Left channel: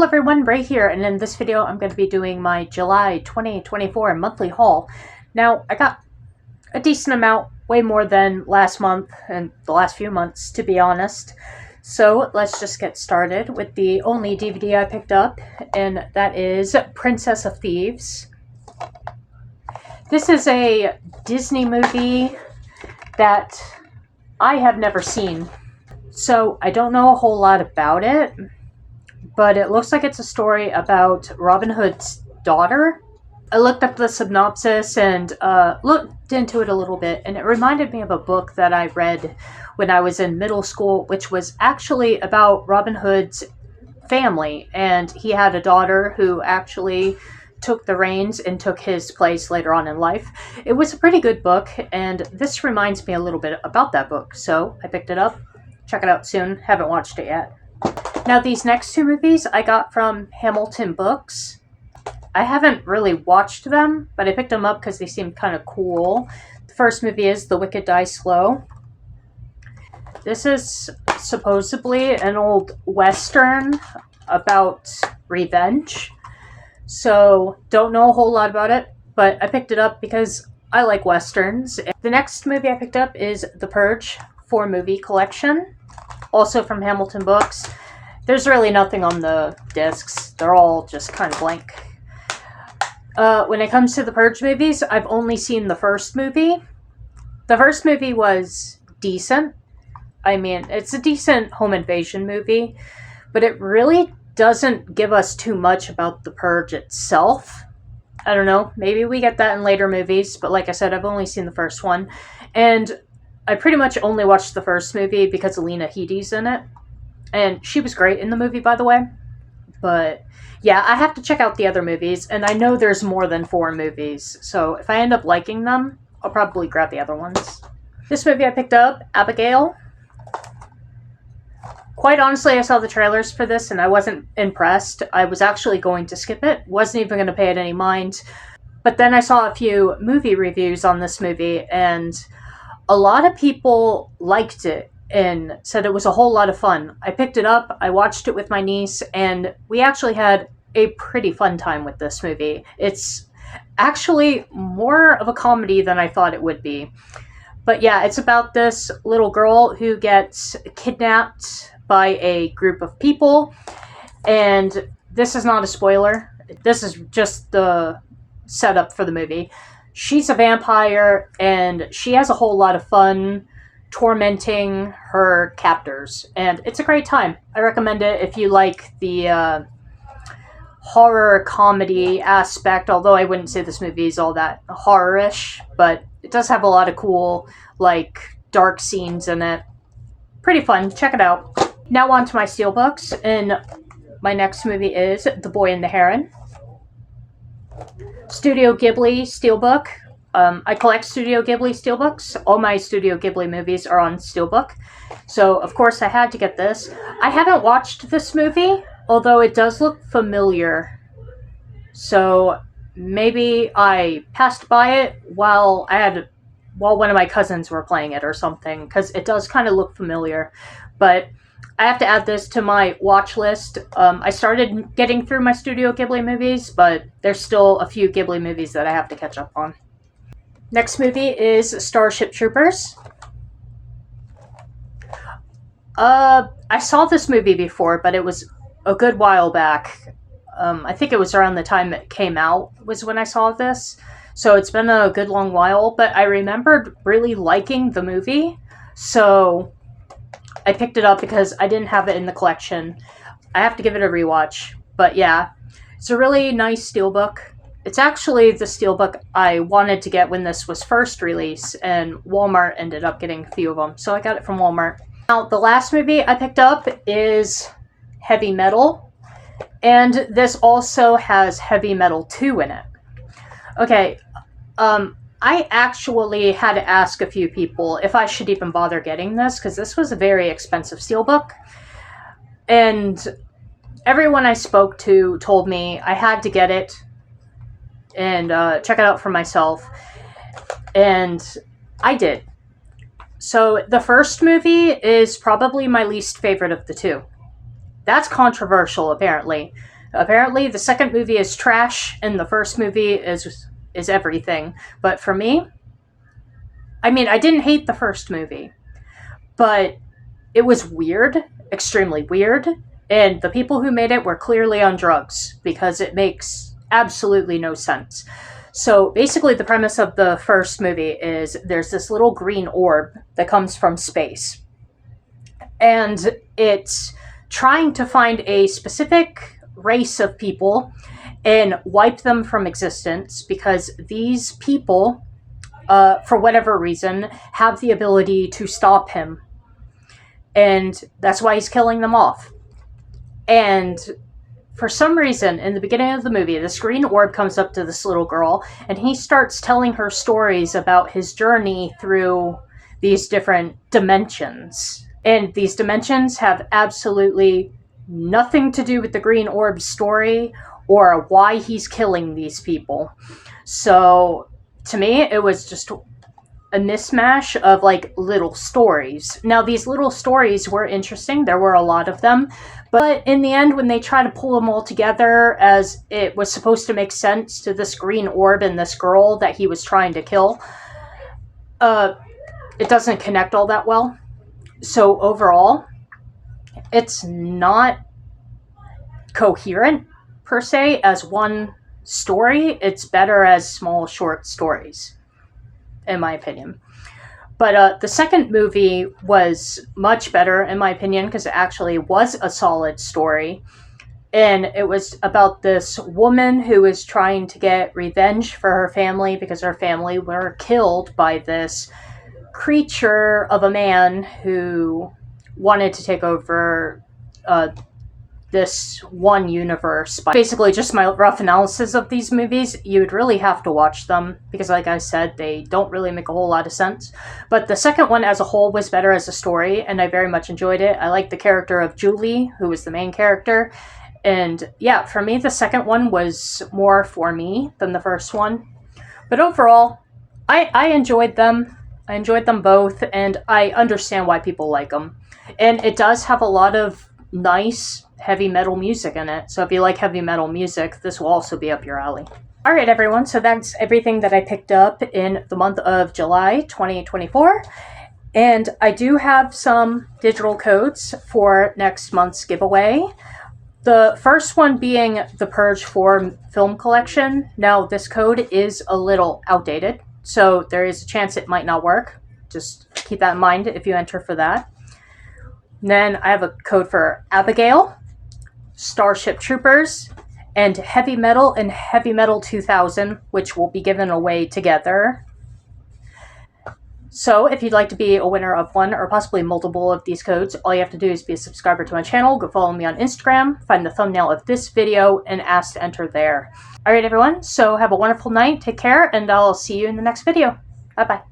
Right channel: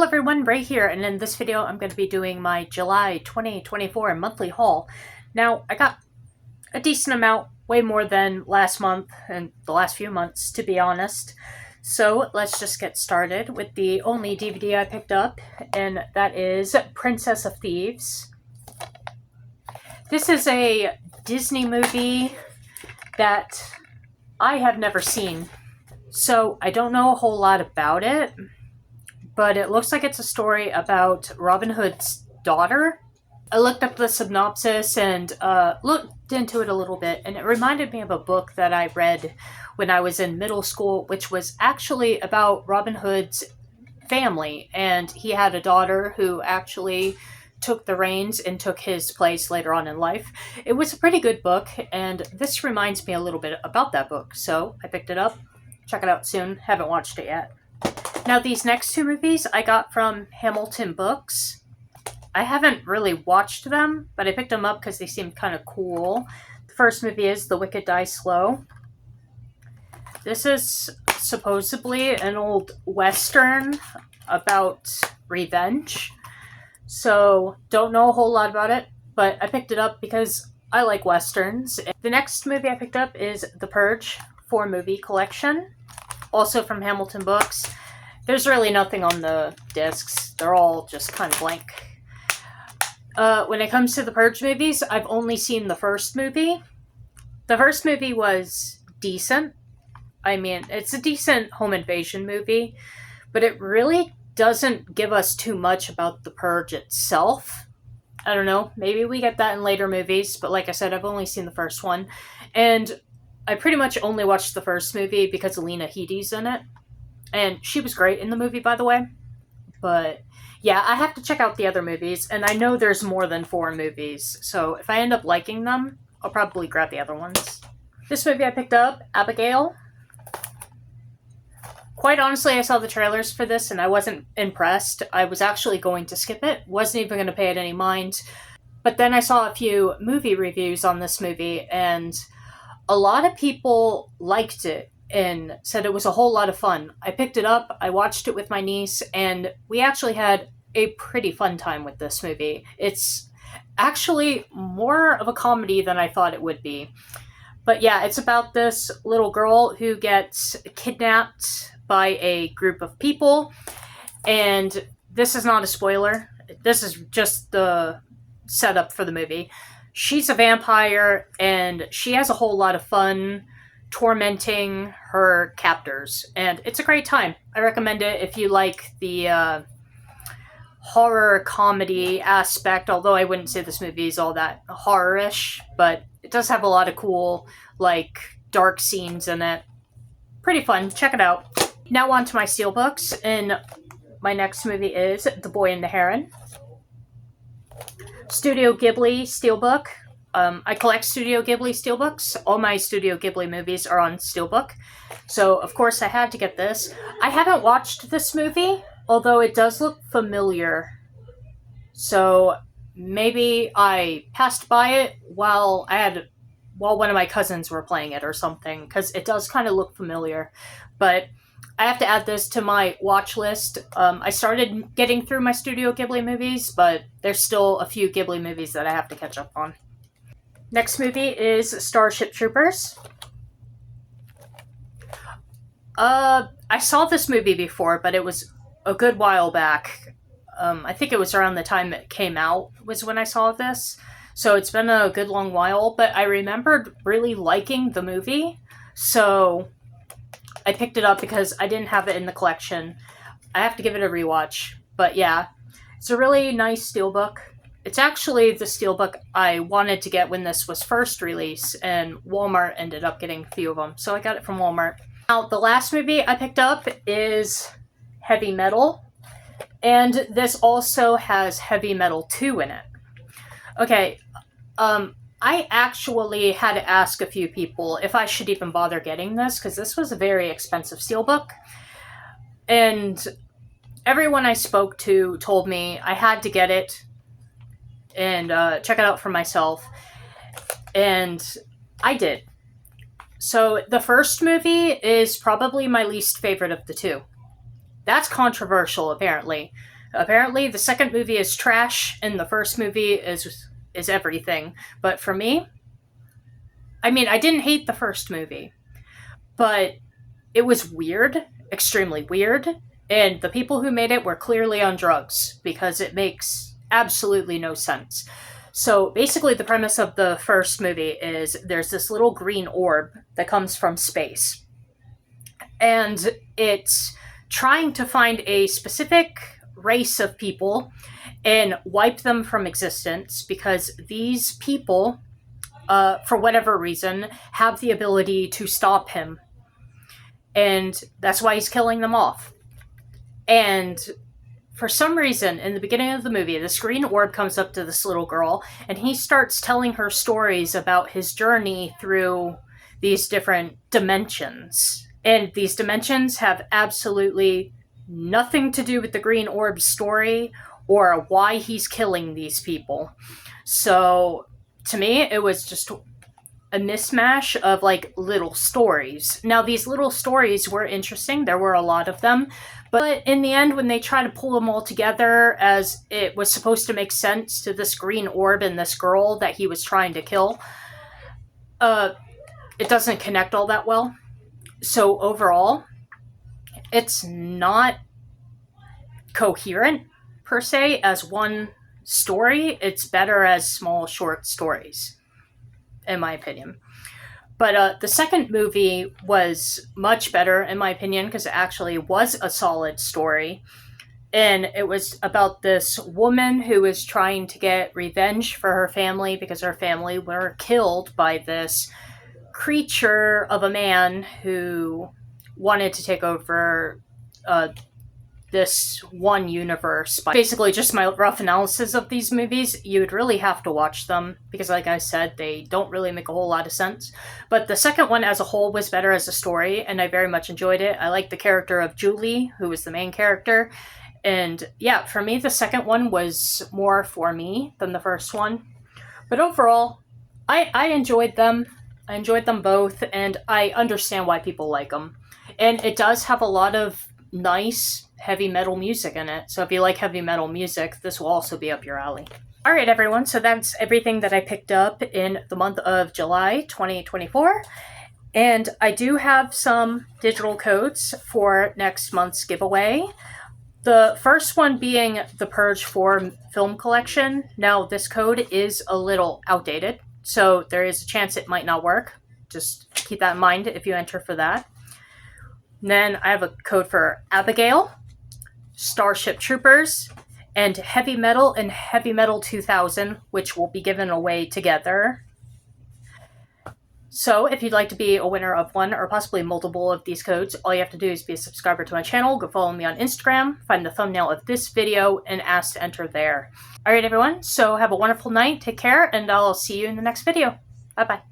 Hello everyone, Ray here, and in this video I'm going to be doing my July 2024 monthly haul. Now, I got a decent amount, way more than last month and the last few months, to be honest. So let's just get started with the only DVD I picked up, and that is Princess of Thieves. This is a Disney movie that I have never seen, so I don't know a whole lot about it. But it looks like it's a story about Robin Hood's daughter. I looked up the synopsis and looked into it a little bit, and it reminded me of a book that I read when I was in middle school, which was actually about Robin Hood's family, and he had a daughter who actually took the reins and took his place later on in life. It was a pretty good book, and this reminds me a little bit about that book, so I picked it up. Check it out soon. Haven't watched it yet. Now, these next two movies I got from Hamilton Books. I haven't really watched them, but I picked them up because they seemed kind of cool. The first movie is The Wicked Die Slow. This is supposedly an old Western about revenge. So, don't know a whole lot about it, but I picked it up because I like Westerns. The next movie I picked up is The Purge 4-movie collection, also from Hamilton Books. There's really nothing on the discs. They're all just kind of blank. When it comes to the Purge movies, I've only seen the first movie. The first movie was decent. I mean, it's a decent home invasion movie, but it really doesn't give us too much about the Purge itself. I don't know, maybe we get that in later movies, but like I said, I've only seen the first one. And I pretty much only watched the first movie because Lena Headey's in it. And she was great in the movie, by the way. But yeah, I have to check out the other movies, and I know there's more than 4 movies. So if I end up liking them, I'll probably grab the other ones. This movie I picked up, Abigail. Quite honestly, I saw the trailers for this and I wasn't impressed. I was actually going to skip it. Wasn't even going to pay it any mind. But then I saw a few movie reviews on this movie, and a lot of people liked it and said it was a whole lot of fun. I picked it up, I watched it with my niece, and we actually had a pretty fun time with this movie. It's actually more of a comedy than I thought it would be. But yeah, it's about this little girl who gets kidnapped by a group of people, and this is not a spoiler. This is just the setup for the movie. She's a vampire, and she has a whole lot of fun tormenting her captors, and it's a great time. I recommend it if you like the horror comedy aspect, although I wouldn't say this movie is all that horror-ish, but it does have a lot of cool, like, dark scenes in it. Pretty fun. Check it out. Now on to my steelbooks, and my next movie is The Boy and the Heron. Studio Ghibli steelbook. I collect Studio Ghibli steelbooks. All my Studio Ghibli movies are on steelbook. So, of course, I had to get this. I haven't watched this movie, although it does look familiar. So, maybe I passed by it while one of my cousins were playing it or something, because it does kind of look familiar. But I have to add this to my watch list. I started getting through my Studio Ghibli movies, but there's still a few Ghibli movies that I have to catch up on. Next movie is Starship Troopers. I saw this movie before, but it was a good while back. I think it was around the time it came out was when I saw this. So it's been a good long while, but I remembered really liking the movie. So I picked it up because I didn't have it in the collection. I have to give it a rewatch. But yeah, it's a really nice steelbook. It's actually the steelbook I wanted to get when this was first released, and Walmart ended up getting a few of them, so I got it from Walmart. Now, the last movie I picked up is Heavy Metal, and this also has Heavy Metal 2 in it. Okay, I actually had to ask a few people if I should even bother getting this, because this was a very expensive steelbook, and everyone I spoke to told me I had to get it and check it out for myself, and I did. So the first movie is probably my least favorite of the two. That's controversial, apparently. Apparently, the second movie is trash, and the first movie is everything. But for me, I mean, I didn't hate the first movie, but it was weird, extremely weird, and the people who made it were clearly on drugs because it makes absolutely no sense. So basically, the premise of the first movie is there's this little green orb that comes from space, and it's trying to find a specific race of people and wipe them from existence because these people, for whatever reason, have the ability to stop him. And that's why he's killing them off. And for some reason, in the beginning of the movie, this green orb comes up to this little girl, and he starts telling her stories about his journey through these different dimensions. And these dimensions have absolutely nothing to do with the green orb's story or why he's killing these people. So, to me, it was just a mismatch of like little stories. Now, these little stories were interesting, there were a lot of them, but in the end, when they try to pull them all together as it was supposed to make sense to this green orb and this girl that he was trying to kill, it doesn't connect all that well. So overall, it's not coherent per se as one story. It's better as small short stories, in my opinion. But the second movie was much better, in my opinion, because it actually was a solid story. And it was about this woman who was trying to get revenge for her family because her family were killed by this creature of a man who wanted to take over this one universe. Basically, just my rough analysis of these movies. You would really have to watch them because, like I said, they don't really make a whole lot of sense. But the second one as a whole was better as a story, and I very much enjoyed it. I liked the character of Julie, who was the main character. And yeah, for me, the second one was more for me than the first one. But overall, I enjoyed them. I enjoyed them both, and I understand why people like them. And it does have a lot of nice heavy metal music in it. So if you like heavy metal music, this will also be up your alley. All right, everyone. So that's everything that I picked up in the month of July 2024. And I do have some digital codes for next month's giveaway. The first one being the Purge 4 film collection. Now, this code is a little outdated, so there is a chance it might not work. Just keep that in mind if you enter for that. And then I have a code for Abigail, Starship Troopers, and Heavy Metal and Heavy Metal 2000, which will be given away together. So if you'd like to be a winner of one or possibly multiple of these codes, all you have to do is be a subscriber to my channel, go follow me on Instagram, find the thumbnail of this video, and ask to enter there. All right, everyone, so have a wonderful night, take care, and I'll see you in the next video. Bye-bye.